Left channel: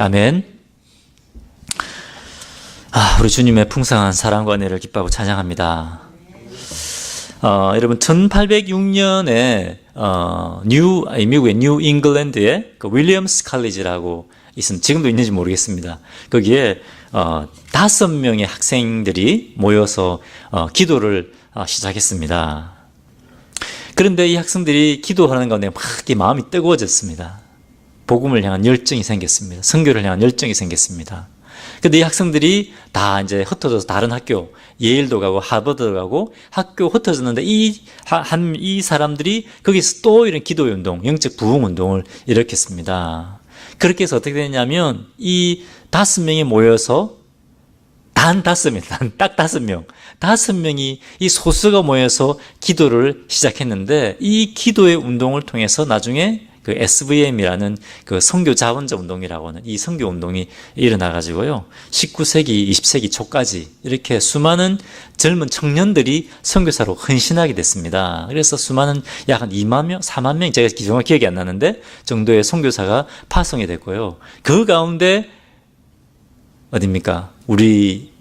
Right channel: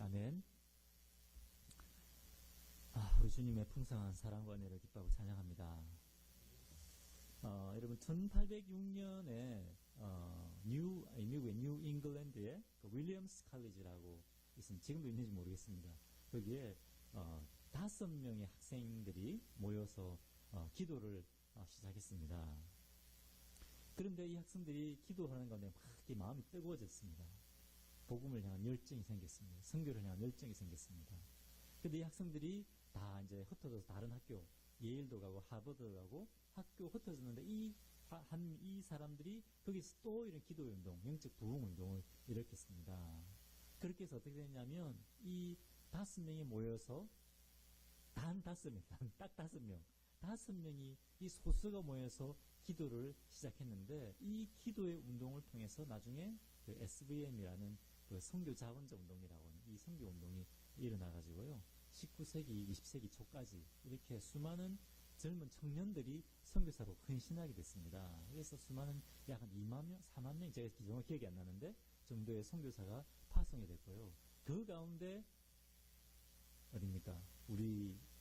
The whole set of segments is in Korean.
아멘. 우리 주님의 풍성한 사랑과 은혜를 기뻐하고 찬양합니다. 여러분 1806년에 미국의 뉴 잉글랜드에 그 윌리엄스 칼리지라고 있습니다. 지금도 있는지 모르겠습니다. 거기에 5명의 학생들이 모여서 기도를 시작했습니다. 그런데 이 학생들이 기도하는 가운데 막 마음이 뜨거워졌습니다. 복음을 향한 열정이 생겼습니다. 선교를 향한 열정이 생겼습니다. 근데 이 학생들이 다 이제 흩어져서 다른 학교, 예일도 가고 하버드도 가고 학교 흩어졌는데 이 사람들이 거기서 또 이런 기도의 운동, 영적 부흥 운동을 일으켰습니다. 그렇게 해서 어떻게 됐냐면 이 5명이 모여서 딱 5명이 이 소수가 모여서 기도를 시작했는데 이 기도의 운동을 통해서 나중에 그 SVM이라는 그 선교 자원자 운동이라고 하는 이 선교 운동이 일어나가지고요. 19세기, 20세기 초까지 이렇게 수많은 젊은 청년들이 선교사로 헌신하게 됐습니다. 그래서 수많은 약 한 2만 명, 4만 명, 제가 정확히 기억이 안 나는데 정도의 선교사가 파송이 됐고요. 그 가운데 어딥니까? 우리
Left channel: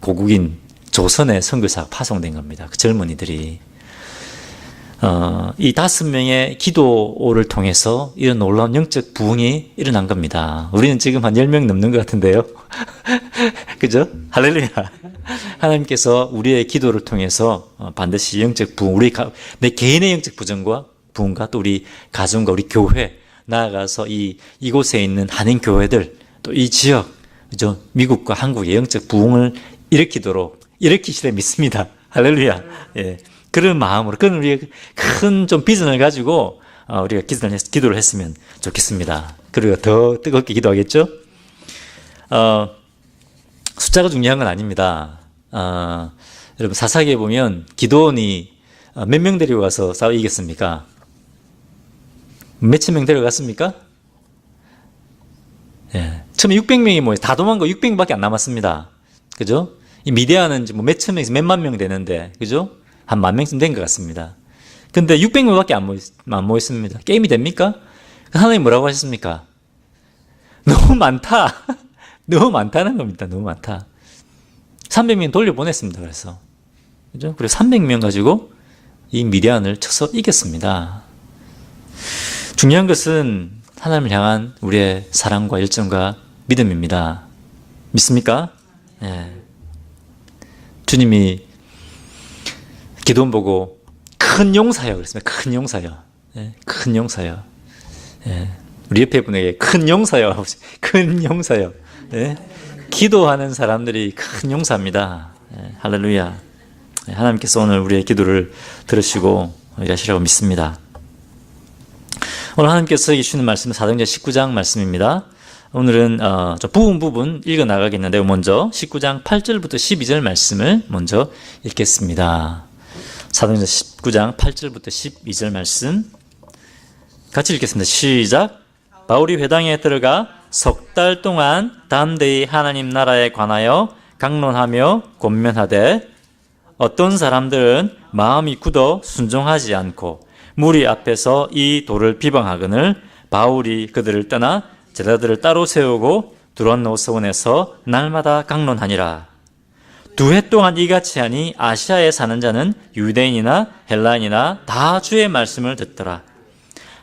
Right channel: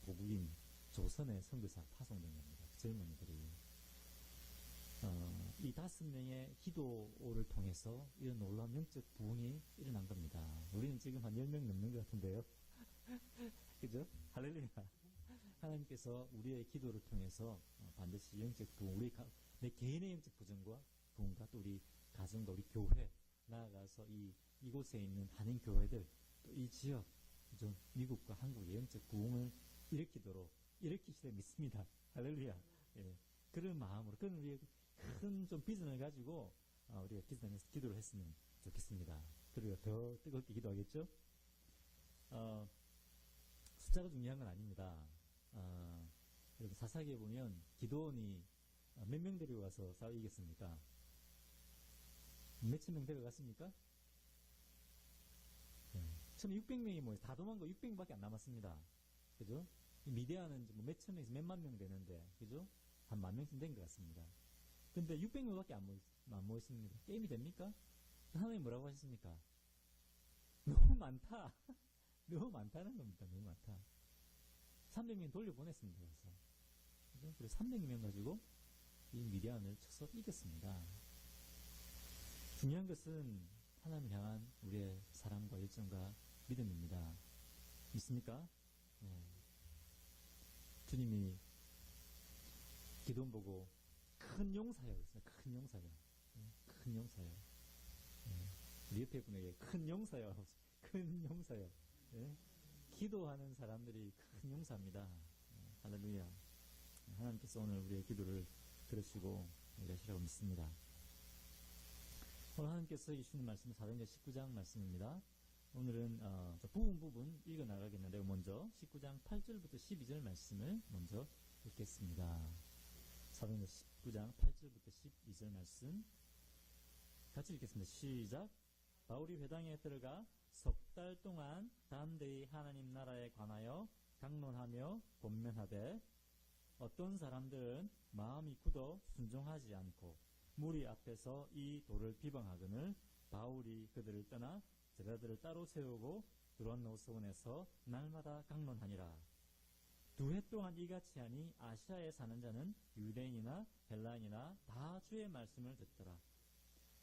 고국인 조선의 선교사가 파송된 겁니다. 그 젊은이들이. 이 5명의 기도를 통해서 이런 놀라운 영적 부흥이 일어난 겁니다. 우리는 지금 한 10명 넘는 것 같은데요. 그죠? 할렐루야. 하나님께서 우리의 기도를 통해서 반드시 영적 부흥, 내 개인의 영적 부정과 부흥과 또 우리 가정과 우리 교회, 나아가서 이곳에 있는 한인 교회들, 또 이 지역, 그죠? 미국과 한국의 영적 부흥을 일으키시려 믿습니다. 할렐루야. 예. 그런 마음으로, 그런 우리가 큰 좀 비전을 가지고, 우리가 기도를 했으면 좋겠습니다. 그리고 더 뜨겁게 기도하겠죠? 숫자가 중요한 건 아닙니다. 여러분, 사사기에 보면 기도원이 몇 명 데리고 가서 싸워 이겼습니까? 몇천 명 데려갔습니까? 예. 처음에 600명이 모여서 다 도망가고 600명밖에 안 남았습니다. 그죠? 이 미디안은 뭐 몇천 명에서 몇만 명 되는데, 그죠? 한 10,000명쯤 된 것 같습니다. 근데 600명밖에 안 모였습니다. 게임이 됩니까? 하나님 뭐라고 하셨습니까? 너무 많다. 너무 많다는 겁니다. 너무 많다. 300명 돌려보냈습니다. 그래서. 그죠? 그리고 300명 가지고 이 미디안을 쳐서 이겼습니다. 중요한 것은 하나님을 향한 우리의 사랑과 열정과 믿음입니다. 믿습니까? 예. 주님이 기도원 보고 큰 용사요 그랬습니다. 큰 용사요. 예, 큰 용사요. 예, 우리 옆에 분에게 큰 용사요. 큰 용사요. 예, 기도하는 사람들이 큰 용사입니다. 예, 할렐루야. 예, 하나님께서 오늘 우리의 기도를 들으시고 일하시라고 믿습니다. 오늘 하나님께서 주시는 말씀은 사도행전 19장 말씀입니다. 오늘은 좀 부분 읽어 나가겠는데 먼저 19장 8절부터 12절 말씀을 먼저 읽겠습니다. 사도행전 19장 8절부터 12절 말씀 같이 읽겠습니다. 시작. 바울이 회당에 들어가 석 달 동안 담대히 하나님 나라에 관하여 강론하며 권면하되 어떤 사람들은 마음이 굳어 순종하지 않고 무리 앞에서 이 도를 비방하거늘 바울이 그들을 떠나 제자들을 따로 세우고 두란노 서원에서 날마다 강론하니라. 2해 동안 이같이 하니 아시아에 사는 자는 유대인이나 헬라인이나 다 주의 말씀을 듣더라.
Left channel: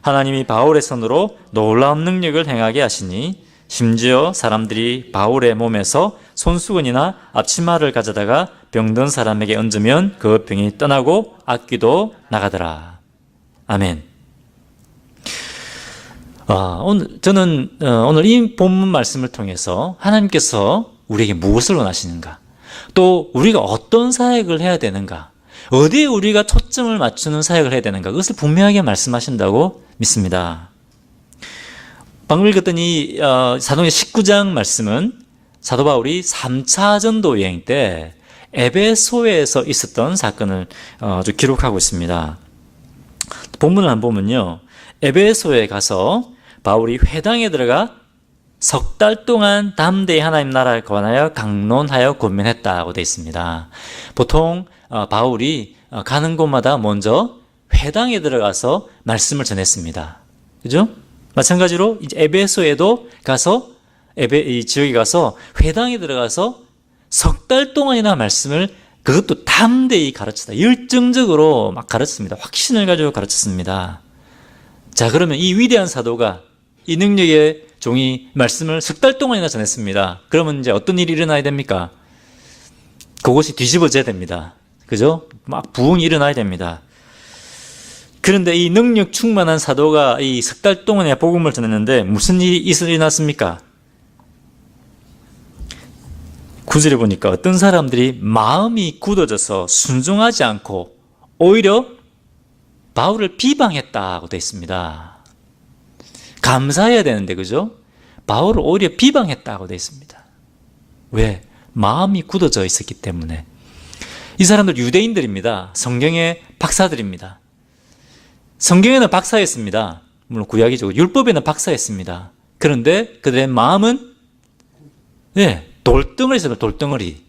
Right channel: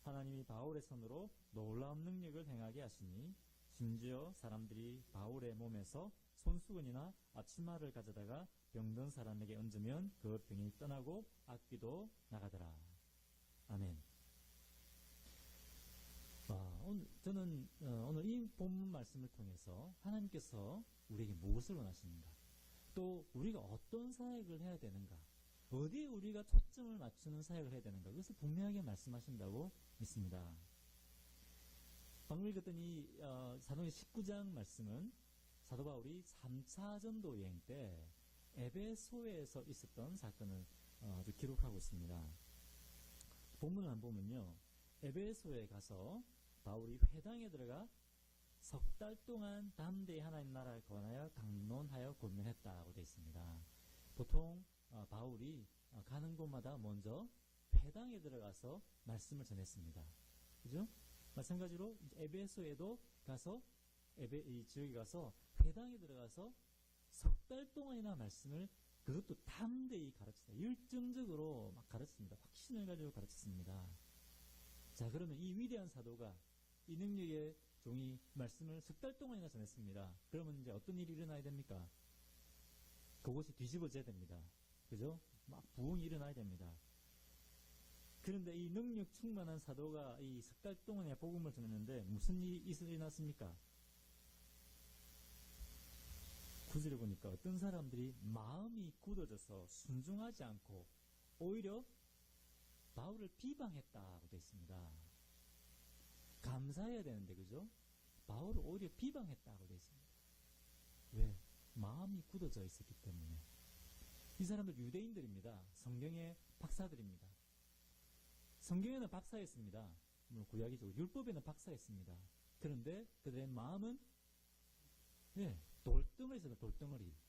하나님이 바울의 손으로 놀라운 능력을 행하게 하시니 심지어 사람들이 바울의 몸에서 손수건이나 앞치마를 가져다가 병든 사람에게 얹으면 그 병이 떠나고 악귀도 나가더라. 아멘. 저는 오늘 이 본문 말씀을 통해서 하나님께서 우리에게 무엇을 원하시는가, 또 우리가 어떤 사역을 해야 되는가, 어디에 우리가 초점을 맞추는 사역을 해야 되는가, 그것을 분명하게 말씀하신다고 믿습니다. 방금 읽었던 이 사도행전 19장 말씀은 사도 바울이 3차 전도 여행 때 에베소에서 있었던 사건을 기록하고 있습니다. 본문을 한번 보면요, 에베소에 가서 바울이 회당에 들어가 석 달 동안 담대히 하나님 나라에 관하여 강론하여 권면했다고 되어 있습니다. 보통 바울이 가는 곳마다 먼저 회당에 들어가서 말씀을 전했습니다. 그죠? 마찬가지로 이제 에베소에도 가서 이 지역에 가서 회당에 들어가서 석 달 동안이나 말씀을 그것도 담대히 가르치다. 열정적으로 막 가르쳤습니다. 확신을 가지고 가르쳤습니다. 자, 그러면 이 위대한 사도가 이 능력의 종이 말씀을 석 달 동안이나 전했습니다. 그러면 이제 어떤 일이 일어나야 됩니까? 그것이 뒤집어져야 됩니다. 그죠? 막 부흥이 일어나야 됩니다. 그런데 이 능력 충만한 사도가 이 석 달 동안에 복음을 전했는데 무슨 일이 일어났습니까? 9절에 보니까 어떤 사람들이 마음이 굳어져서 순종하지 않고 오히려 바울을 비방했다고 되어 있습니다. 감사해야 되는데, 그죠? 바울을 오히려 비방했다고 되어 있습니다. 왜? 마음이 굳어져 있었기 때문에. 이 사람들 유대인들입니다. 성경의 박사들입니다. 성경에는 박사였습니다. 물론 구약이죠. 율법에는 박사였습니다. 그런데 그들의 마음은 돌덩어리였어요. 돌덩어리.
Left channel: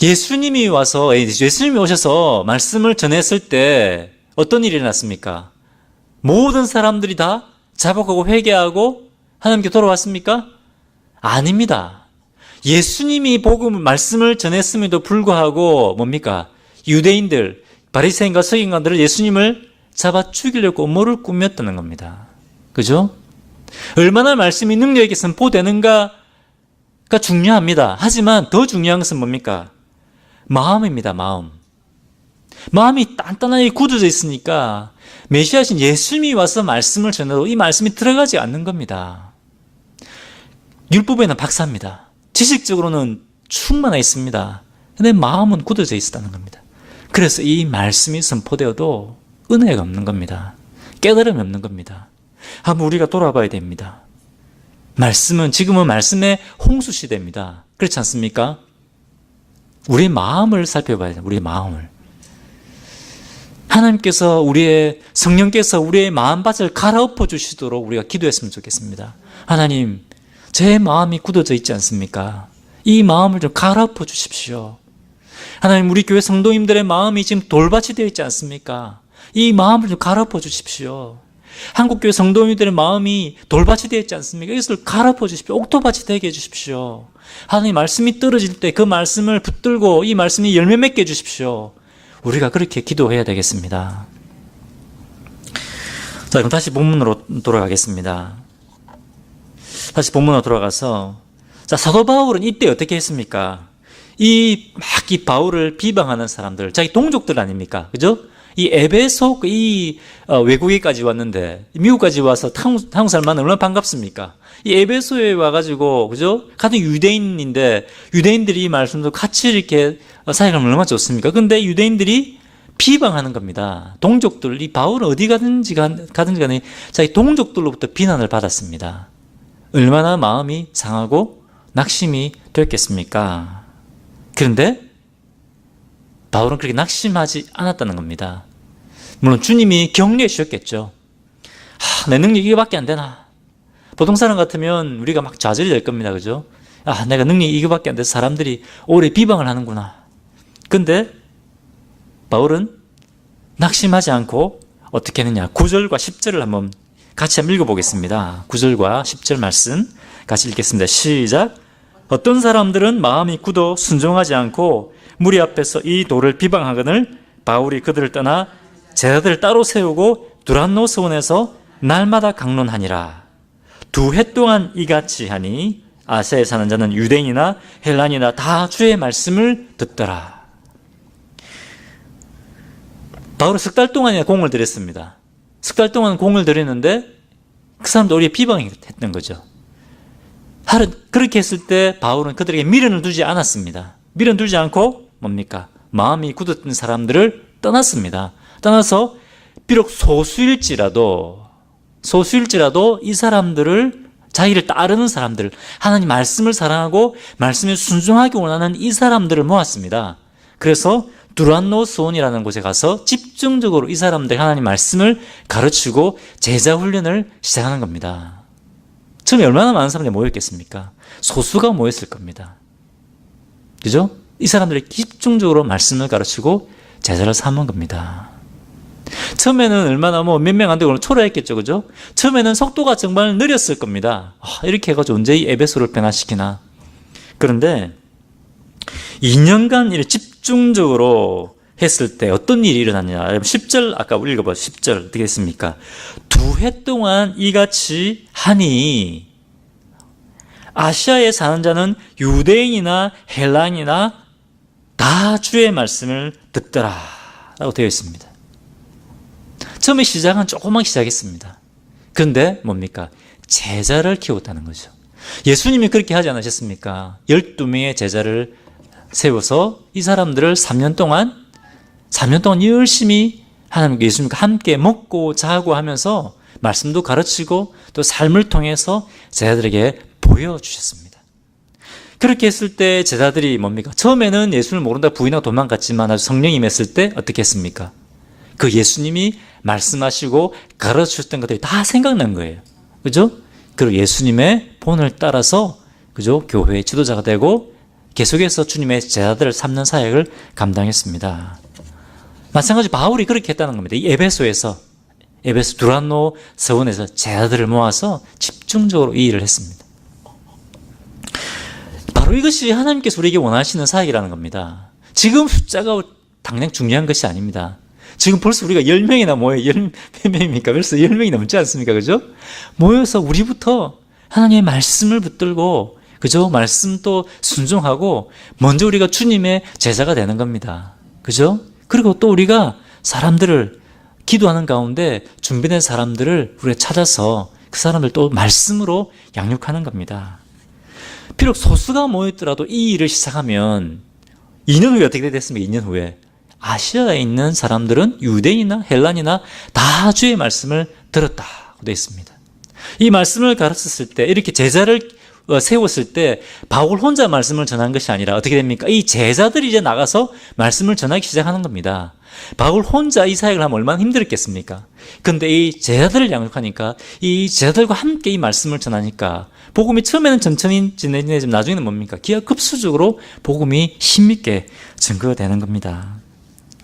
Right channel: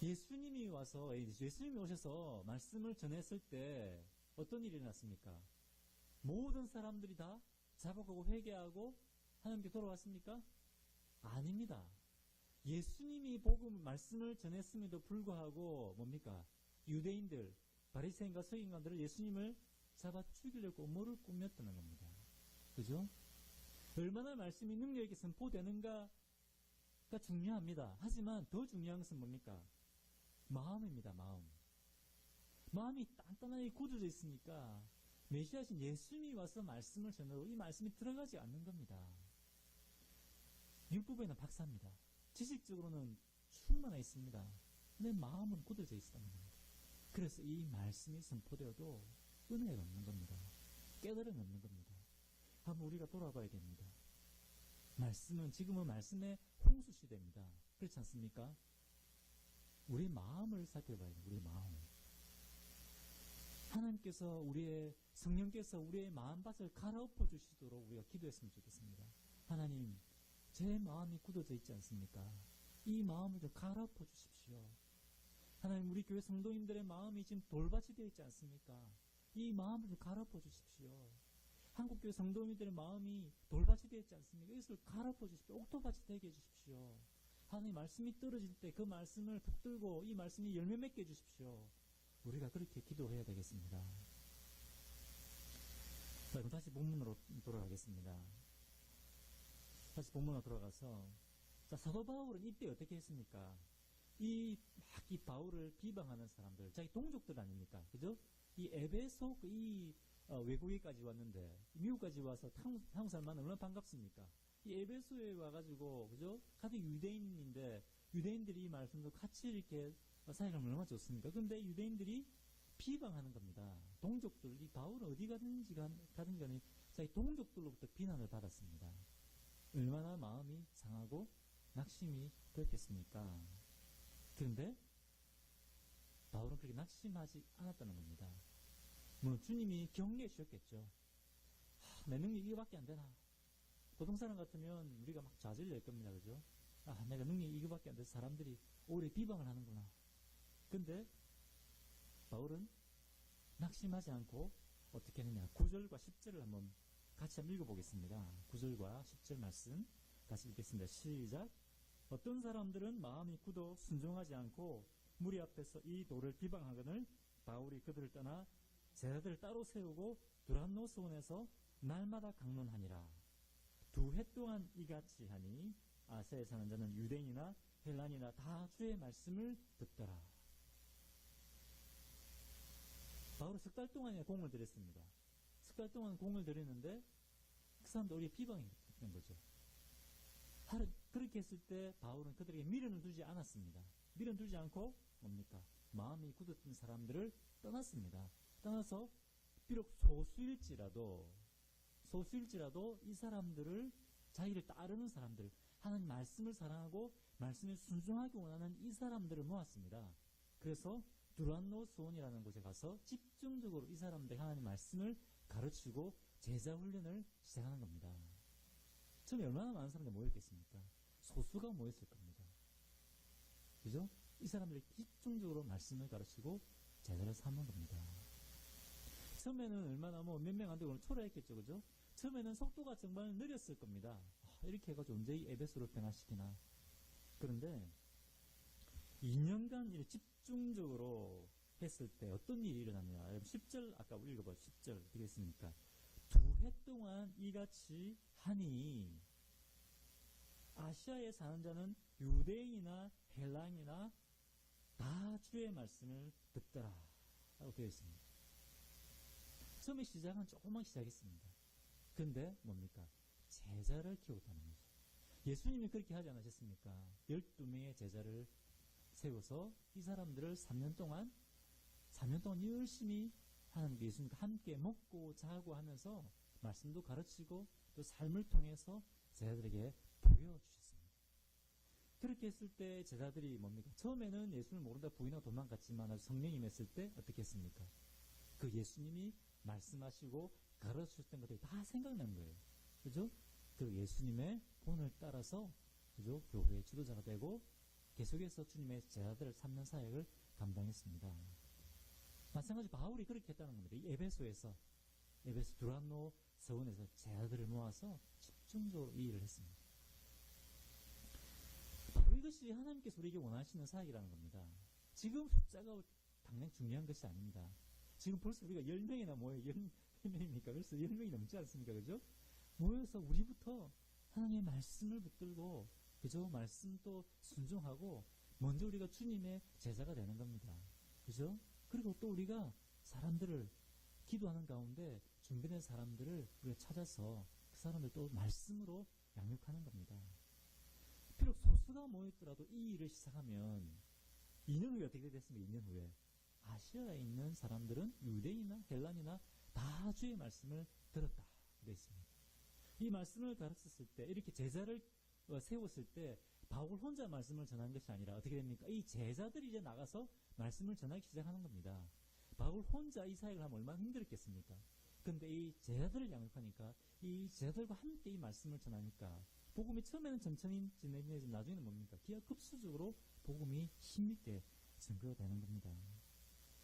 예수님이 오셔서 말씀을 전했을 때 어떤 일이 일어났습니까? 모든 사람들이 다 자복하고 회개하고 하나님께 돌아왔습니까? 아닙니다. 예수님이 말씀을 전했음에도 불구하고 뭡니까? 유대인들, 바리새인과 서기관들을 예수님을 잡아 죽이려고 음모를 꾸몄다는 겁니다. 그죠? 얼마나 말씀이 능력있게 선포되는가가 중요합니다. 하지만 더 중요한 것은 뭡니까? 마음입니다. 마음이 단단하게 굳어져 있으니까 메시아신 예수님이 와서 말씀을 전해도 이 말씀이 들어가지 않는 겁니다. 율법에는 박사입니다. 지식적으로는 충만해 있습니다. 근데 마음은 굳어져 있었다는 겁니다. 그래서 이 말씀이 선포되어도 은혜가 없는 겁니다. 깨달음이 없는 겁니다. 한번 우리가 돌아봐야 됩니다. 지금은 말씀의 홍수 시대입니다. 그렇지 않습니까? 우리의 마음을 살펴봐야 돼요. 우리의 마음을. 하나님께서 성령께서 우리의 마음밭을 갈아엎어 주시도록 우리가 기도했으면 좋겠습니다. 하나님, 제 마음이 굳어져 있지 않습니까? 이 마음을 좀 갈아엎어 주십시오. 하나님, 우리 교회 성도님들의 마음이 지금 돌밭이 되어 있지 않습니까? 이 마음을 좀 갈아엎어 주십시오. 한국교회 성도님들의 마음이 돌밭이 되어 있지 않습니까? 이것을 갈아엎어 주십시오. 옥토밭이 되게 해주십시오. 하나님, 말씀이 떨어질 때 그 말씀을 붙들고 이 말씀이 열매 맺게 해주십시오. 우리가 그렇게 기도해야 되겠습니다. 자, 그럼 다시 본문으로 돌아가겠습니다. 다시 본문으로 돌아가서, 자, 사도 바울은 이때 어떻게 했습니까? 이 바울을 비방하는 사람들, 자기 동족들 아닙니까? 그죠? 이 에베소, 외국에까지 왔는데, 미국까지 와서 한국 사람 만나면 얼마나 반갑습니까? 이 에베소에 와가지고, 그죠? 같은 유대인인데, 유대인들이 이 말씀도 같이 이렇게 사역하면 얼마나 좋습니까? 근데 유대인들이 비방하는 겁니다. 동족들, 이 바울은 어디 가든지 간에 자기 동족들로부터 비난을 받았습니다. 얼마나 마음이 상하고 낙심이 됐겠습니까? 그런데 바울은 그렇게 낙심하지 않았다는 겁니다. 물론 주님이 격려해 주셨겠죠. 내 능력이 이거밖에 안 되나? 보통 사람 같으면 우리가 막 좌절이 될 겁니다. 그죠? 내가 능력이 이거밖에 안 돼서 사람들이 오래 비방을 하는구나. 근데 바울은 낙심하지 않고 어떻게 했느냐? 9절과 10절을 한번 같이 한번 읽어보겠습니다. 9절과 10절 말씀 같이 읽겠습니다. 시작. 어떤 사람들은 마음이 굳어 순종하지 않고 무리 앞에서 이 돌을 비방하거늘 바울이 그들을 떠나 제자들을 따로 세우고 두란노 서원에서 날마다 강론하니라. 2해 동안 이같이 하니 아시아에 사는 자는 유대인이나 헬란이나 다 주의 말씀을 듣더라. 바울은 석 달 동안이나 공을 들였습니다. 석 달 동안 공을 들였는데 그 사람도 우리의 비방했던 거죠. 그렇게 했을 때 바울은 그들에게 미련을 두지 않았습니다. 미련 두지 않고 뭡니까? 마음이 굳었던 사람들을 떠났습니다. 떠나서 비록 소수일지라도 이 사람들을, 자기를 따르는 사람들, 하나님 말씀을 사랑하고 말씀에 순종하기 원하는 이 사람들을 모았습니다. 그래서 두란노 수온이라는 곳에 가서 집중적으로 이 사람들 하나님 말씀을 가르치고 제자 훈련을 시작하는 겁니다. 처음에 얼마나 많은 사람들이 모였겠습니까? 소수가 모였을 겁니다. 그죠? 이 사람들이 집중적으로 말씀을 가르치고 제자를 삼은 겁니다. 처음에는 얼마나 몇 명 안 되고 초라했겠죠, 그죠? 처음에는 속도가 정말 느렸을 겁니다. 이렇게 해가지고 언제 이 에베소를 변화시키나. 그런데 2년간 이렇게 집중적으로 했을 때 어떤 일이 일어났냐. 10절 아까 읽어봐. 10절 어떻게 했습니까? 2해 동안 이같이 하니 아시아에 사는 자는 유대인이나 헬라인이나 다 주의 말씀을 듣더라 라고 되어 있습니다. 처음에 시작은 조그맣게 시작했습니다. 그런데 뭡니까? 제자를 키웠다는 거죠. 예수님이 그렇게 하지 않으셨습니까? 12명의 제자를 세워서 이 사람들을 3년 동안 열심히 하나님과 예수님과 함께 먹고 자고 하면서 말씀도 가르치고 또 삶을 통해서 제자들에게 보여주셨습니다. 그렇게 했을 때 제자들이 뭡니까? 처음에는 예수를 모른다 부인하고 도망갔지만 아주 성령이 임했을 때 어떻게 했습니까? 그 예수님이 말씀하시고 가르치셨던 것들이 다 생각난 거예요. 그죠? 그리고 예수님의 본을 따라서 그죠? 교회의 지도자가 되고 계속해서 주님의 제자들을 삼는 사역을 감당했습니다. 마찬가지 바울이 그렇게 했다는 겁니다. 이 에베소 두란노 서원에서 제자들을 모아서 집중적으로 이 일을 했습니다. 바로 이것이 하나님께서 우리에게 원하시는 사역이라는 겁니다. 지금 숫자가 당장 중요한 것이 아닙니다. 지금 벌써 우리가 10명이나 모여요. 몇 명입니까? 벌써 10명이 넘지 않습니까? 그죠? 모여서 우리부터 하나님의 말씀을 붙들고 그죠? 말씀 또 순종하고 먼저 우리가 주님의 제자가 되는 겁니다. 그죠? 그리고 또 우리가 사람들을 기도하는 가운데 준비된 사람들을 우리가 찾아서 그 사람들 또 말씀으로 양육하는 겁니다. 비록 소수가 모였더라도 이 일을 시작하면 2년 후에 어떻게 됐습니까? 2년 후에 아시아에 있는 사람들은 유대인이나 헬란이나 다 주의 말씀을 들었다고 되어 있습니다. 이 말씀을 가르쳤을 때 이렇게 제자를 세웠을 때 바울 혼자 말씀을 전한 것이 아니라 어떻게 됩니까? 이 제자들이 이제 나가서 말씀을 전하기 시작하는 겁니다. 바울 혼자 이 사역을 하면 얼마나 힘들었겠습니까? 근데 이 제자들을 양육하니까 이 제자들과 함께 이 말씀을 전하니까 복음이 처음에는 천천히 진행되지만 나중에는 뭡니까? 기하급수적으로 복음이 힘있게 증거되는 겁니다.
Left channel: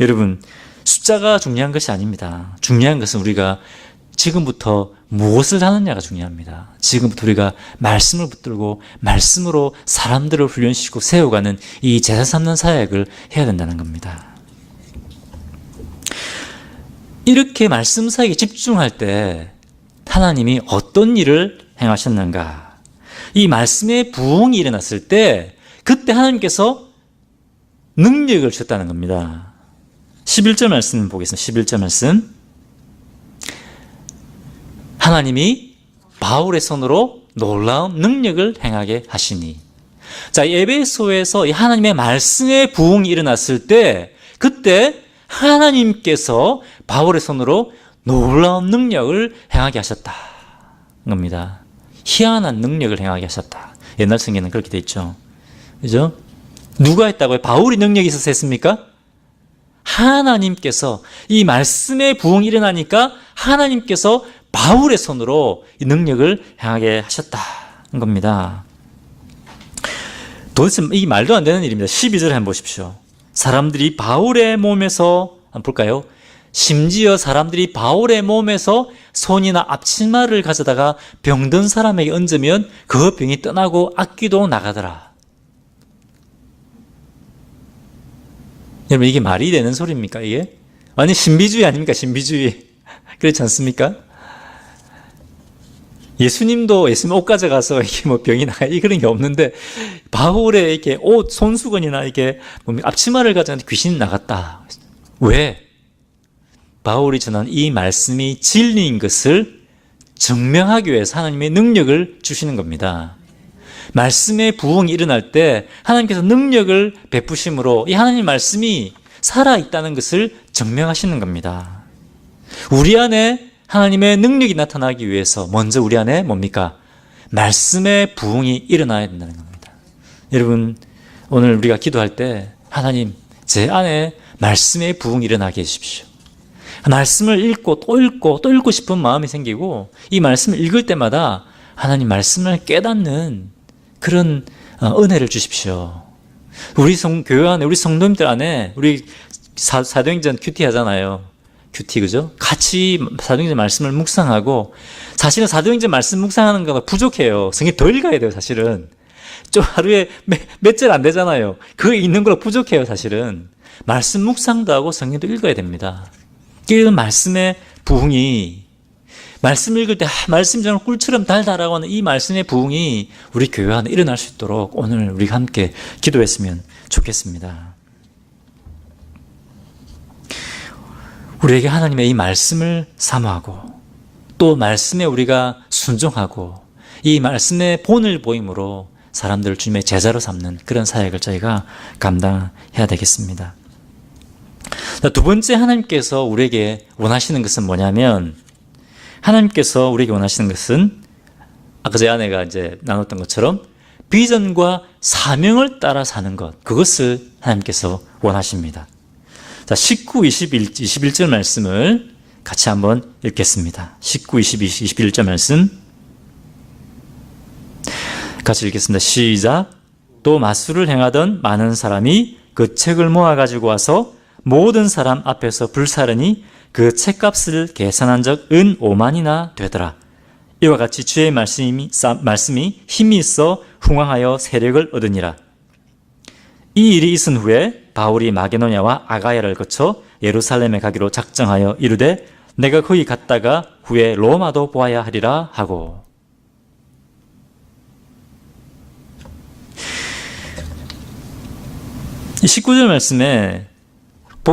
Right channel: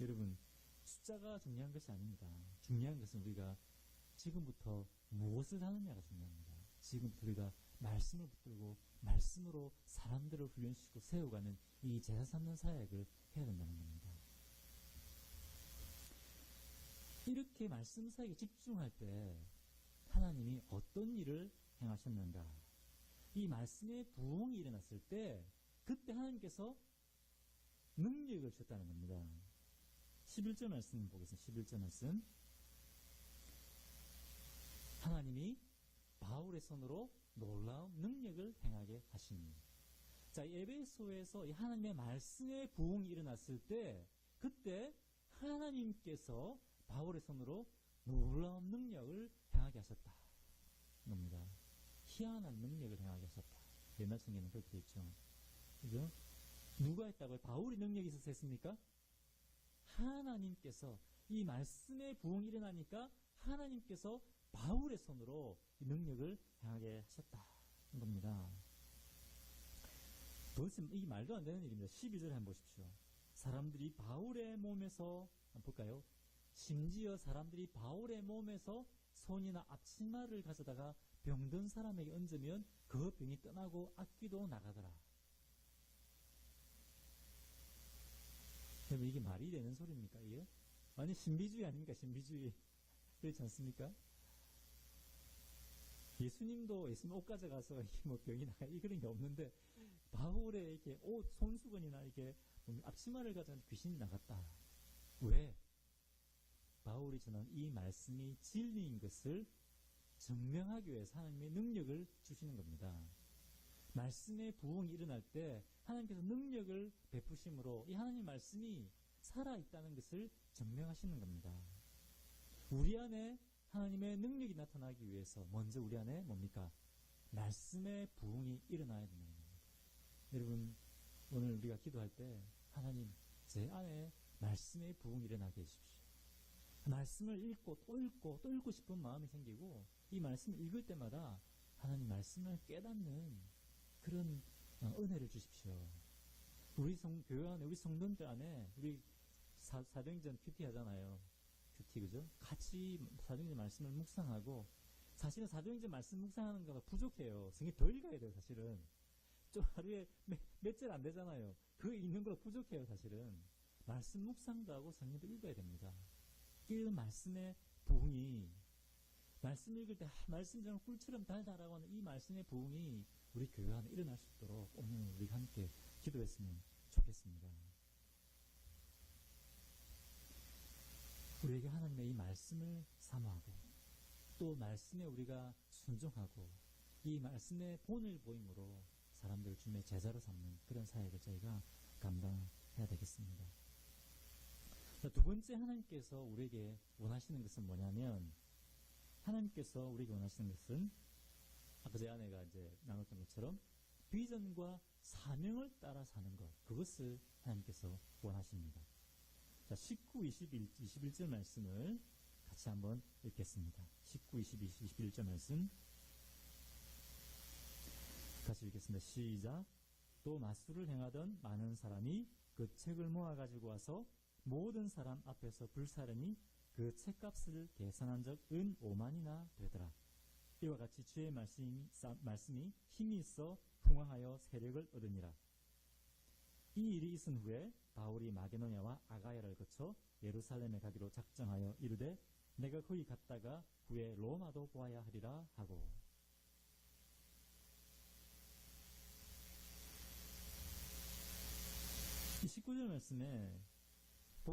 여러분, 숫자가 중요한 것이 아닙니다. 중요한 것은 우리가 지금부터 무엇을 하느냐가 중요합니다. 지금부터 우리가 말씀을 붙들고 말씀으로 사람들을 훈련시키고 세워가는 이 제자 삼는 사역을 해야 된다는 겁니다. 이렇게 말씀 사역에 집중할 때 하나님이 어떤 일을 행하셨는가? 이 말씀의 부흥이 일어났을 때 그때 하나님께서 능력을 주셨다는 겁니다. 11절 말씀 보겠습니다. 11절 말씀. 하나님이 바울의 손으로 놀라운 능력을 행하게 하시니. 자, 에베소에서 이 하나님의 말씀의 부흥이 일어났을 때 그때 하나님께서 바울의 손으로 놀라운 능력을 행하게 하셨다. 겁니다. 희한한 능력을 행하게 하셨다. 옛날 성경에는 그렇게 돼 있죠. 그죠? 누가 했다고요? 바울이 능력이 있어서 했습니까? 하나님께서 이 말씀의 부흥이 일어나니까 하나님께서 바울의 손으로 이 능력을 행하게 하셨다는 겁니다. 도대체 이 말도 안 되는 일입니다. 12절 한번 보십시오. 사람들이 바울의 몸에서 한번 볼까요? 심지어 사람들이 바울의 몸에서 손이나 앞치마를 가져다가 병든 사람에게 얹으면 그 병이 떠나고 악귀도 나가더라. 여러분, 이게 말이 되는 소리입니까? 이게 완전 신비주의 아닙니까? 신비주의. 그렇지 않습니까? 예수님도 예수님 옷 가져가서 이게 병이 나가 그런 게 없는데 바울의 이렇게 옷 손수건이나 이게 앞치마를 가져갔는데 귀신이 나갔다. 왜? 바울이 전한 이 말씀이 진리인 것을 증명하기 위해서 하나님의 능력을 주시는 겁니다. 말씀의 부흥이 일어날 때 하나님께서 능력을 베푸심으로 이 하나님 말씀이 살아있다는 것을 증명하시는 겁니다. 우리 안에 하나님의 능력이 나타나기 위해서 먼저 우리 안에 뭡니까? 말씀의 부흥이 일어나야 된다는 겁니다. 여러분, 오늘 우리가 기도할 때 하나님, 제 안에 말씀의 부흥이 일어나게 해주십시오. 말씀을 읽고 또 읽고 싶은 마음이 생기고 이 말씀을 읽을 때마다 하나님 말씀을 깨닫는 그런 은혜를 주십시오. 우리 교회 안에 우리 성도님들 안에 우리 사도행전 큐티 하잖아요. 큐티, 그죠? 같이 사도행전 말씀을 묵상하고, 사실은 사도행전 말씀 묵상하는 거가 부족해요. 성경 더 읽어야 돼요, 사실은. 좀 하루에 몇 절 안 되잖아요. 그거 읽는 걸로 부족해요, 사실은. 말씀 묵상도 하고 성경도 읽어야 됩니다. 그 말씀의 부흥이, 말씀 읽을 때 말씀이 정말 꿀처럼 달달하고 하는 이 말씀의 부흥이 우리 교회 안에 일어날 수 있도록 오늘 우리가 함께 기도했으면 좋겠습니다. 우리에게 하나님의 이 말씀을 사모하고 또 말씀에 우리가 순종하고 이 말씀의 본을 보임으로 사람들을 주님의 제자로 삼는 그런 사역을 저희가 감당해야 되겠습니다. 두 번째 하나님께서 우리에게 원하시는 것은 뭐냐면, 하나님께서 우리에게 원하시는 것은 아까 제 아내가 이제 나눴던 것처럼 비전과 사명을 따라 사는 것, 그것을 하나님께서 원하십니다. 자, 19, 21절 말씀을 같이 한번 읽겠습니다. 19, 21절 말씀 같이 읽겠습니다. 시작. 또 마술을 행하던 많은 사람이 그 책을 모아가지고 와서 모든 사람 앞에서 불사르니 그 책값을 계산한 적 은 5만이나 되더라. 이와 같이 주의 말씀이 힘이 있어 흥왕하여 세력을 얻으니라. 이 일이 있은 후에 바울이 마게도냐와 아가야를 거쳐 예루살렘에 가기로 작정하여 이르되 내가 거기 갔다가 후에 로마도 보아야 하리라 하고. 이 19절 말씀에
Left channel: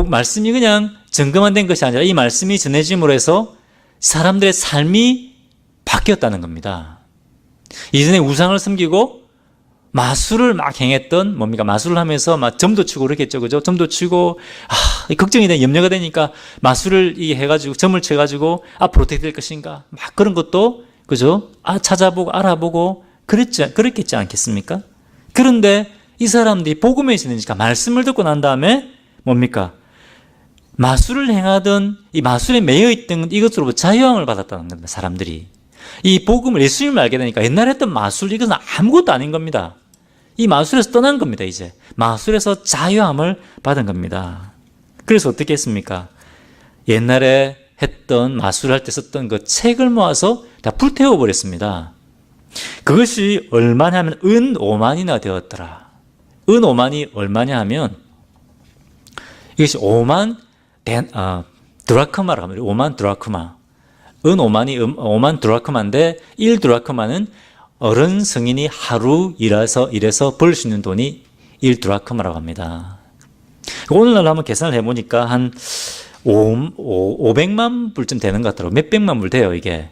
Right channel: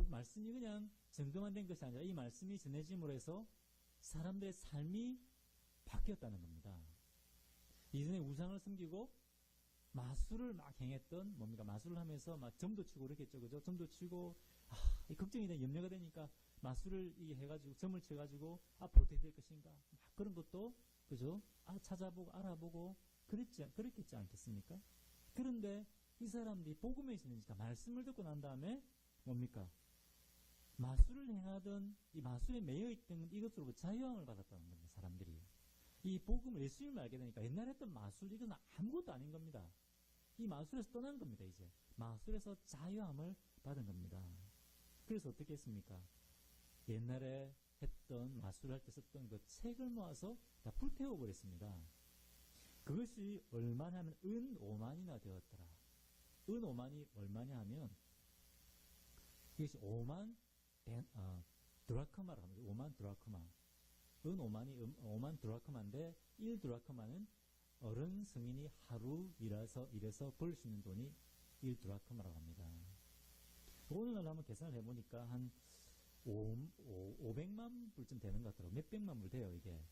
말씀이 그냥 정금만 된 것이 아니라 이 말씀이 전해짐으로 해서 사람들의 삶이 바뀌었다는 겁니다. 이전에 우상을 섬기고 마술을 막 행했던, 뭡니까? 마술을 하면서 막 점도 치고 그렇겠죠. 그죠? 점도 치고, 걱정이 돼, 염려가 되니까 마술을 해가지고, 점을 쳐가지고 앞으로 어떻게 될 것인가. 막 그런 것도, 그죠? 찾아보고, 알아보고, 그랬겠지 않겠습니까? 그런데 이 사람들이 복음에 있으니까 말씀을 듣고 난 다음에 뭡니까? 마술을 행하던 이 마술에 매여있던 이것으로부터 자유함을 받았다는 겁니다. 사람들이. 이 복음을, 예수님을 알게 되니까 옛날에 했던 마술, 이것은 아무것도 아닌 겁니다. 이 마술에서 떠난 겁니다. 이제 마술에서 자유함을 받은 겁니다. 그래서 어떻게 했습니까? 옛날에 했던 마술할 때 썼던 그 책을 모아서 다 불태워 버렸습니다. 그것이 얼마냐 하면 은 5만이나 되었더라. 은 5만이 얼마냐 하면 이것이 5만 드라크마라고 합니다. 5만 드라크마. 은 5만 드라크마인데 1 드라크마는 어른 성인이 하루 일해서 벌 수 있는 돈이 1 드라크마라고 합니다. 오늘날 한번 계산을 해보니까 한 500만 불쯤 되는 것 같더라고요. 몇백만 불 돼요, 이게.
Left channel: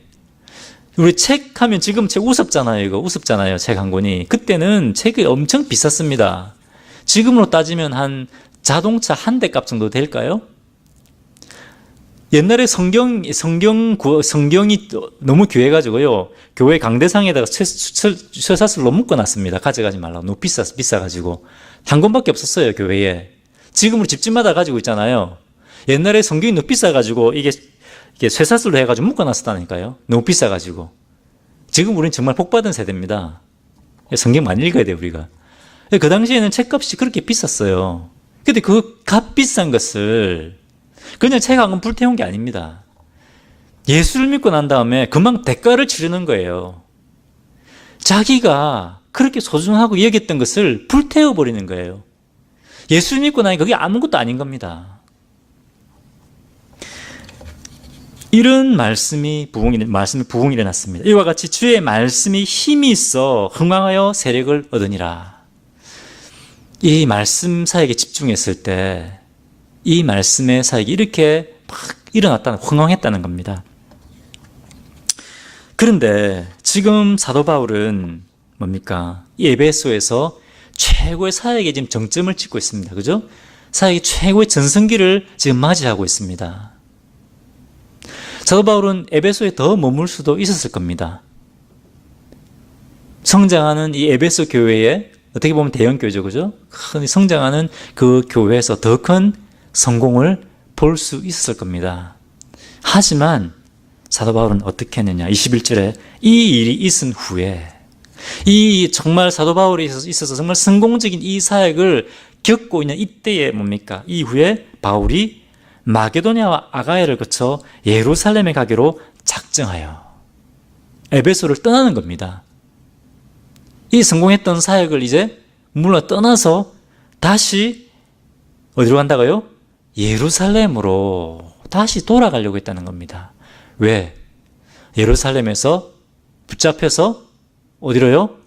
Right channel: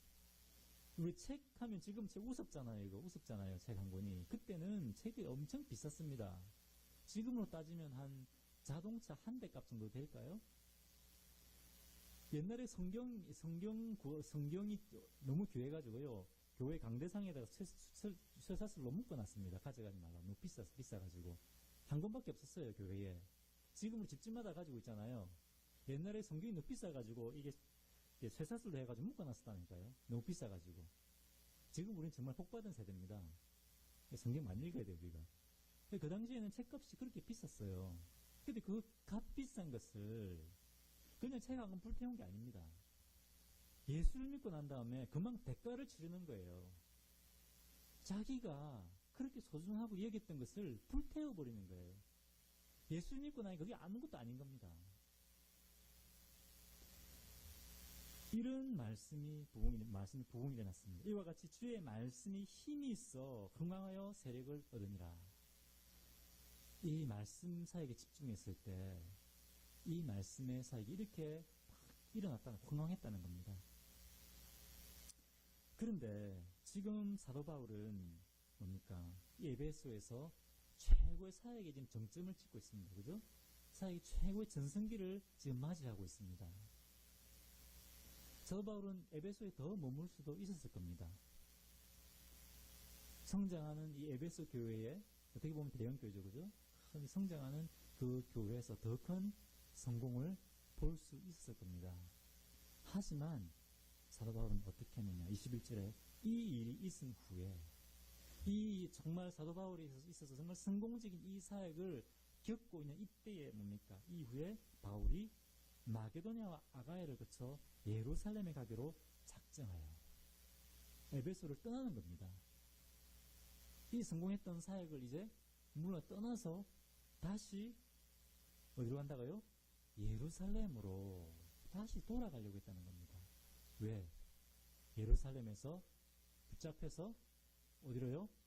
우리 책 하면 지금 책 우습잖아요, 이거. 우습잖아요, 책 한 권이. 그때는 책이 엄청 비쌌습니다. 지금으로 따지면 한 자동차 한 대 값 정도 될까요? 옛날에 성경이 너무 귀해가지고요. 교회 강대상에다가 쇠사슬로 묶어놨습니다. 가져가지 말라고. 너무 비싸가지고. 한 권밖에 없었어요, 교회에. 지금으로 집집마다 가지고 있잖아요. 옛날에 성경이 너무 비싸가지고 이게 쇠사슬로 해가지고 묶어놨었다니까요. 너무 비싸가지고. 지금 우리는 정말 복받은 세대입니다. 성경 많이 읽어야 돼요, 우리가. 그 당시에는 책값이 그렇게 비쌌어요. 근데 그 값비싼 것을 그냥 책 한 권 불태운 게 아닙니다. 예수를 믿고 난 다음에 금방 대가를 치르는 거예요. 자기가 그렇게 소중하고 여겼던 것을 불태워버리는 거예요. 예수를 믿고 나니 그게 아무것도 아닌 겁니다. 이런 말씀이 부흥이 일어났습니다. 이와 같이 주의 말씀이 힘이 있어 흥왕하여 세력을 얻으니라. 이 말씀 사역에 집중했을 때 이 말씀의 사역이 이렇게 막 흥왕했다는 겁니다. 그런데 지금 사도 바울은 뭡니까? 이 에베소에서 최고의 사역에 지금 정점을 찍고 있습니다. 그죠? 사역의 최고의 전성기를 지금 맞이하고 있습니다. 사도 바울은 에베소에 더 머물 수도 있었을 겁니다. 성장하는 이 에베소 교회에 어떻게 보면 대형 교회죠, 그죠? 큰 성장하는 그 교회에서 더 큰 성공을 볼 수 있었을 겁니다. 하지만 사도 바울은 어떻게 했느냐? 21절에 이 일이 있은 후에 이 정말 사도 바울에 있어서 정말 성공적인 이 사역을 겪고 있는 이때에 뭡니까? 이후에 바울이 마게도냐와 아가야를 거쳐 예루살렘에 가기로 작정하여 에베소를 떠나는 겁니다. 이 성공했던 사역을 이제 물러 떠나서 다시 어디로 간다고요? 예루살렘으로 다시 돌아가려고 했다는 겁니다. 왜? 예루살렘에서 붙잡혀서 어디로요?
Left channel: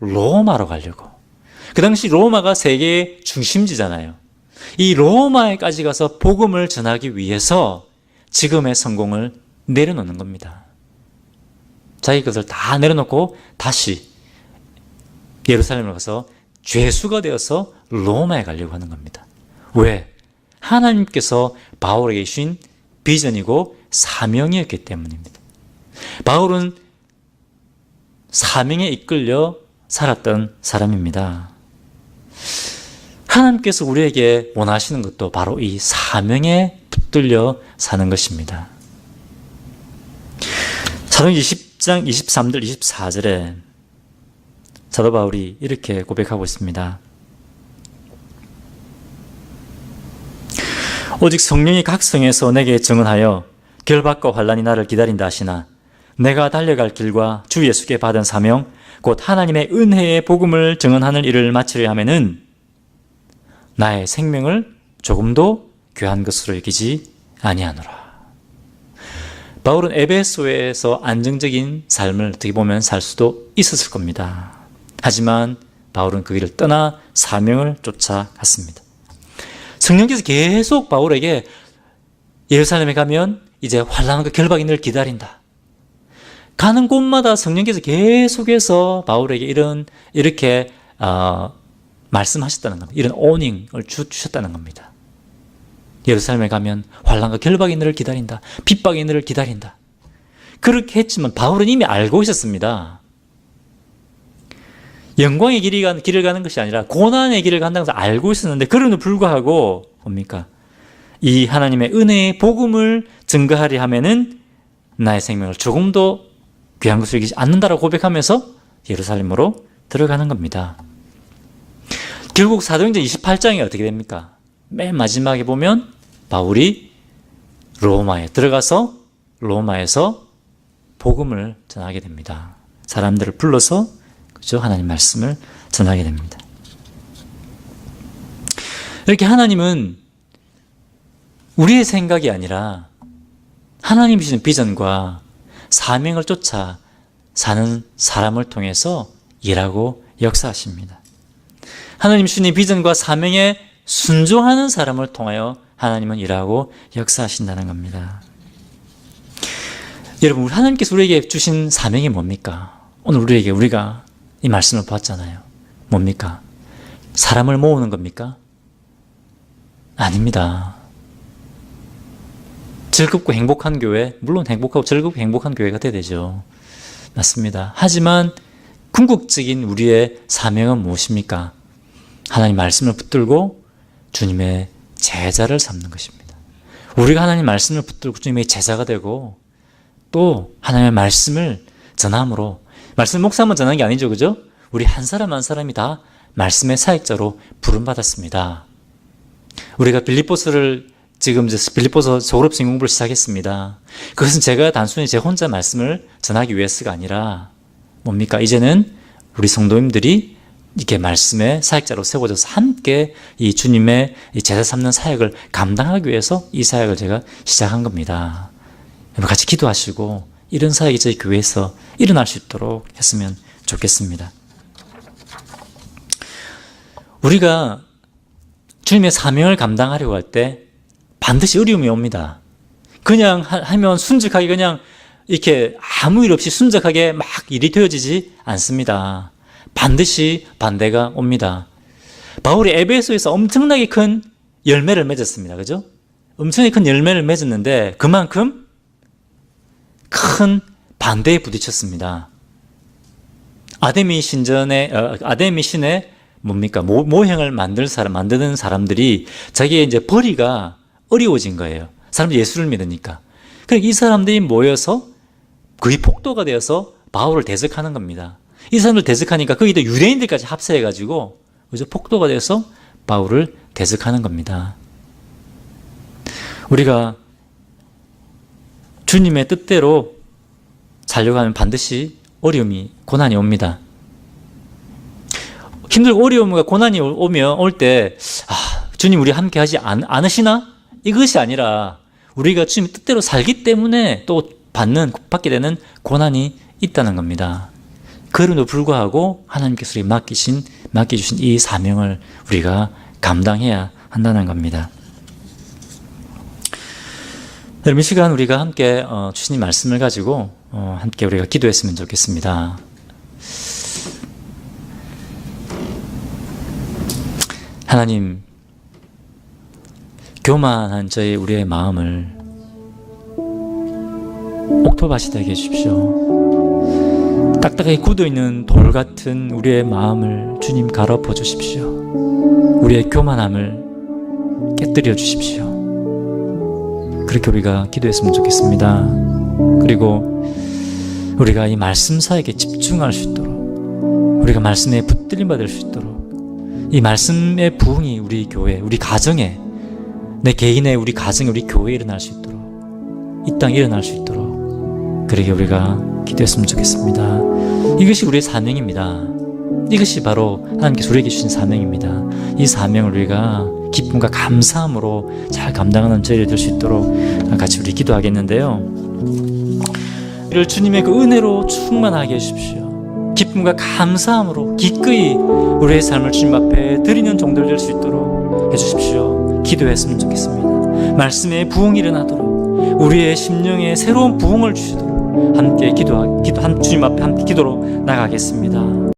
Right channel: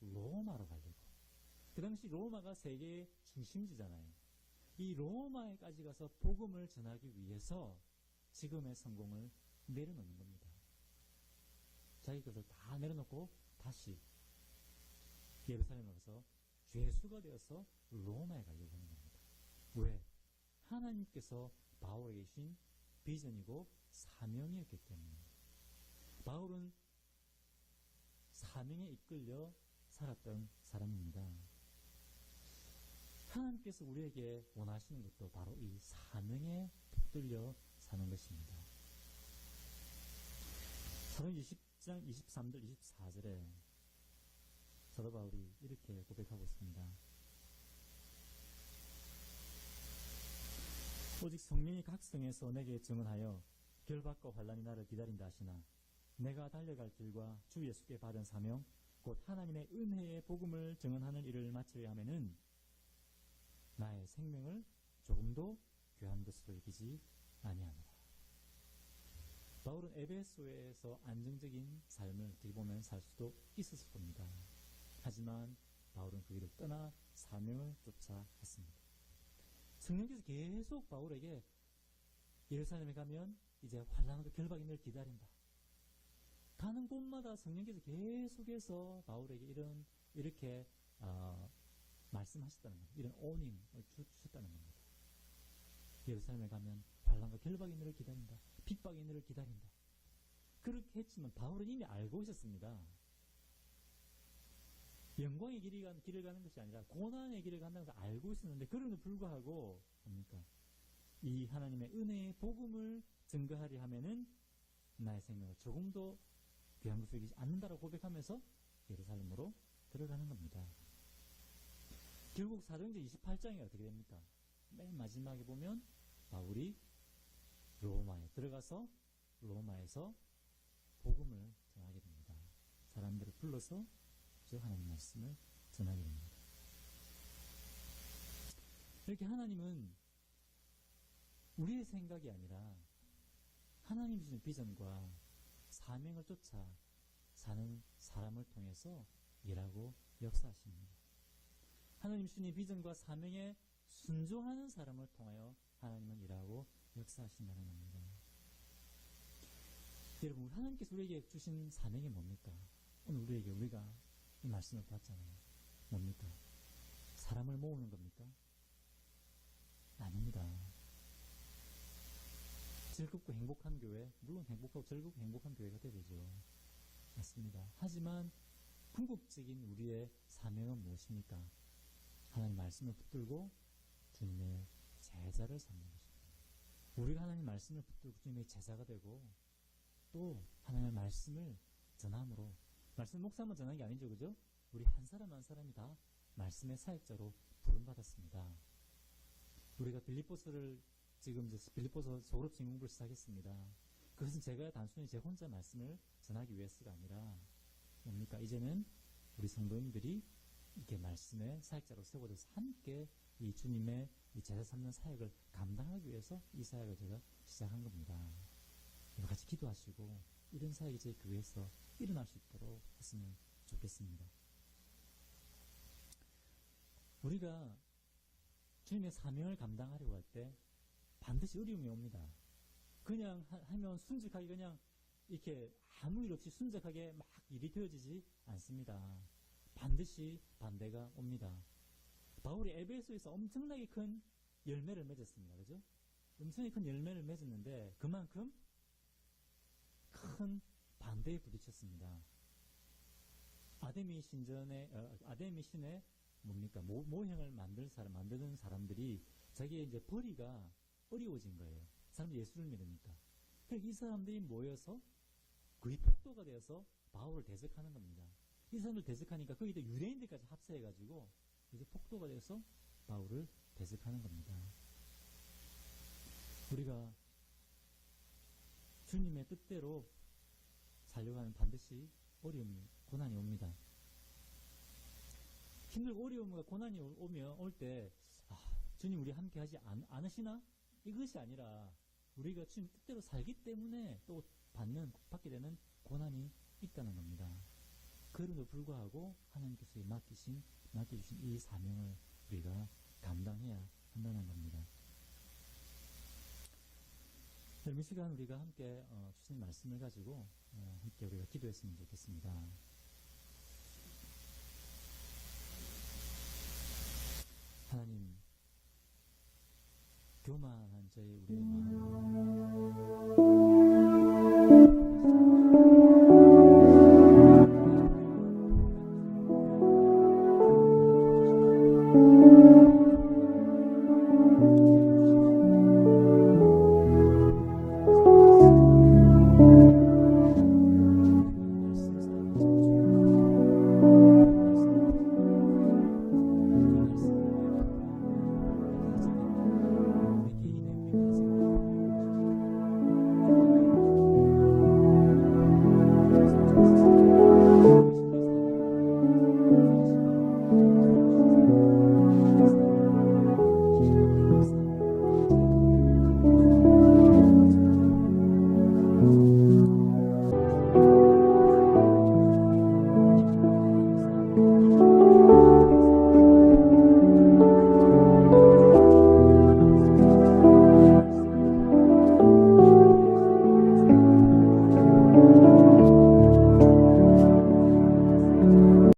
로마로 가려고. 그 당시 로마가 세계의 중심지잖아요. 이 로마에까지 가서 복음을 전하기 위해서 지금의 성공을 내려놓는 겁니다. 자기 것을 다 내려놓고 다시 예루살렘을 가서 죄수가 되어서 로마에 가려고 하는 겁니다. 왜? 하나님께서 바울에게 주신 비전이고 사명이었기 때문입니다. 바울은 사명에 이끌려 살았던 사람입니다. 하나님께서 우리에게 원하시는 것도 바로 이 사명에 붙들려 사는 것입니다. 사도행전 20장 23절 24절에 사도 바울이 이렇게 고백하고 있습니다. 오직 성령이 각 성에서 내게 증언하여 결박과 환난이 나를 기다린다 하시나 내가 달려갈 길과 주 예수께 받은 사명 곧 하나님의 은혜의 복음을 증언하는 일을 마치려 하면은 나의 생명을 조금도 귀한 것으로 여기지 아니하노라. 바울은 에베소에서 안정적인 삶을 어떻게 보면 살 수도 있었을 겁니다. 하지만 바울은 그 길을 떠나 사명을 쫓아갔습니다. 성령께서 계속 바울에게 예루살렘에 가면 이제 환난과 결박이 늘 기다린다. 가는 곳마다 성령께서 계속해서 바울에게 이렇게 말씀하셨다는 겁니다. 이런 오닝을 주셨다는 겁니다. 예루살렘에 가면 환난과 결박이 너를 기다린다. 핍박이 너를 기다린다. 그렇게 했지만 바울은 이미 알고 있었습니다. 영광의 길을 가는 것이 아니라 고난의 길을 간다는 것을 알고 있었는데 그럼에도 불구하고 뭡니까? 이 하나님의 은혜의 복음을 증거하려 하면은 나의 생명을 조금도 귀한 것으로 여기지 않는다라고 고백하면서 예루살렘으로 들어가는 겁니다. 결국 사도행전 28장이 어떻게 됩니까? 맨 마지막에 보면 바울이 로마에 들어가서 로마에서 복음을 전하게 됩니다. 사람들을 불러서 그죠? 하나님 말씀을 전하게 됩니다. 이렇게 하나님은 우리의 생각이 아니라 하나님이 주신 비전과 사명을 쫓아 사는 사람을 통해서 일하고 역사하십니다. 하나님 주신 비전과 사명에 순종하는 사람을 통하여 하나님은 일하고 역사하신다는 겁니다. 여러분, 하나님께서 우리에게 주신 사명이 뭡니까? 오늘 우리가 이 말씀을 봤잖아요. 뭡니까? 사람을 모으는 겁니까? 아닙니다. 즐겁고 행복한 교회, 물론 행복하고 즐겁고 행복한 교회가 돼야 되죠. 맞습니다. 하지만 궁극적인 우리의 사명은 무엇입니까? 하나님 말씀을 붙들고 주님의 제자를 삼는 것입니다. 우리가 하나님 말씀을 붙들고 주님의 제자가 되고 또 하나님의 말씀을 전함으로, 말씀 목사만 전하는 게 아니죠, 그죠? 우리 한 사람 한 사람이 다 말씀의 사역자로 부름받았습니다. 우리가 지금 빌립보서 졸업생 공부를 시작했습니다. 그것은 제가 단순히 제 혼자 말씀을 전하기 위해서가 아니라 뭡니까? 이제는 우리 성도님들이 이렇게 말씀의 사역자로 세워져서 함께 이 주님의 제자 삼는 사역을 감당하기 위해서 이 사역을 제가 시작한 겁니다. 여러분 같이 기도하시고 이런 사역이 저희 교회에서 일어날 수 있도록 했으면 좋겠습니다. 우리가 주님의 사명을 감당하려고 할 때 반드시 어려움이 옵니다. 그냥 하면 순적하게 그냥 이렇게 아무 일 없이 순적하게 막 일이 되어지지 않습니다. 반드시 반대가 옵니다. 바울이 에베소에서 엄청나게 큰 열매를 맺었습니다. 그죠? 엄청나게 큰 열매를 맺었는데 그만큼 큰 반대에 부딪혔습니다. 아데미 신에 뭡니까? 모형을 만드는 사람들이 자기의 이제 벌이가 어려워진 거예요. 사람들이 예수를 믿으니까. 그러니까 이 사람들이 모여서 거의 폭도가 되어서 바울을 대적하는 겁니다. 이 사람들 대적하니까 거기도 유대인들까지 합세해가지고 그죠? 폭도가 되어서 바울을 대적하는 겁니다. 우리가 주님의 뜻대로 살려고 하면 반드시 어려움이, 고난이 옵니다. 힘들고 어려움과 고난이 올 때 주님 우리 함께 하지 않으시나? 이것이 아니라 우리가 주님 뜻대로 살기 때문에 또 받게 되는 고난이 있다는 겁니다. 그럼에도 불구하고 하나님께서 맡겨주신 이 사명을 우리가 감당해야 한다는 겁니다. 여러분, 이 시간 우리가 함께 주신 말씀을 가지고 함께 우리가 기도했으면 좋겠습니다. 하나님, 교만한 우리의 마음을 옥토밭이 되게 해주십시오. 딱딱하게 굳어있는 돌 같은 우리의 마음을 주님 갈아엎어 주십시오. 우리의 교만함을 깨뜨려 주십시오. 그렇게 우리가 기도했으면 좋겠습니다. 그리고 우리가 이 말씀 사역에 집중할 수 있도록, 우리가 말씀에 붙들림 받을 수 있도록, 이 말씀의 부흥이 우리 교회, 우리 가정에, 내 개인의 우리 가정에, 우리 교회에 일어날 수 있도록, 이 땅에 일어날 수 있도록 그렇게 우리가 기도했으면 좋겠습니다. 이것이 우리의 사명입니다. 이것이 바로 하나님께서 우리에게 주신 사명입니다. 이 사명을 우리가 기쁨과 감사함으로 잘 감당하는 저희들 될 수 있도록 같이 우리 기도하겠는데요. 이를 주님의 그 은혜로 충만하게 해주십시오. 기쁨과 감사함으로 기꺼이 우리의 삶을 주님 앞에 드리는 종들 될 수 있도록 해주십시오. 기도했으면 좋겠습니다. 말씀의 부흥이 일어나도록, 우리의 심령에 새로운 부흥을 주시도록 함께 주님 앞에 함께 기도로 나가겠습니다.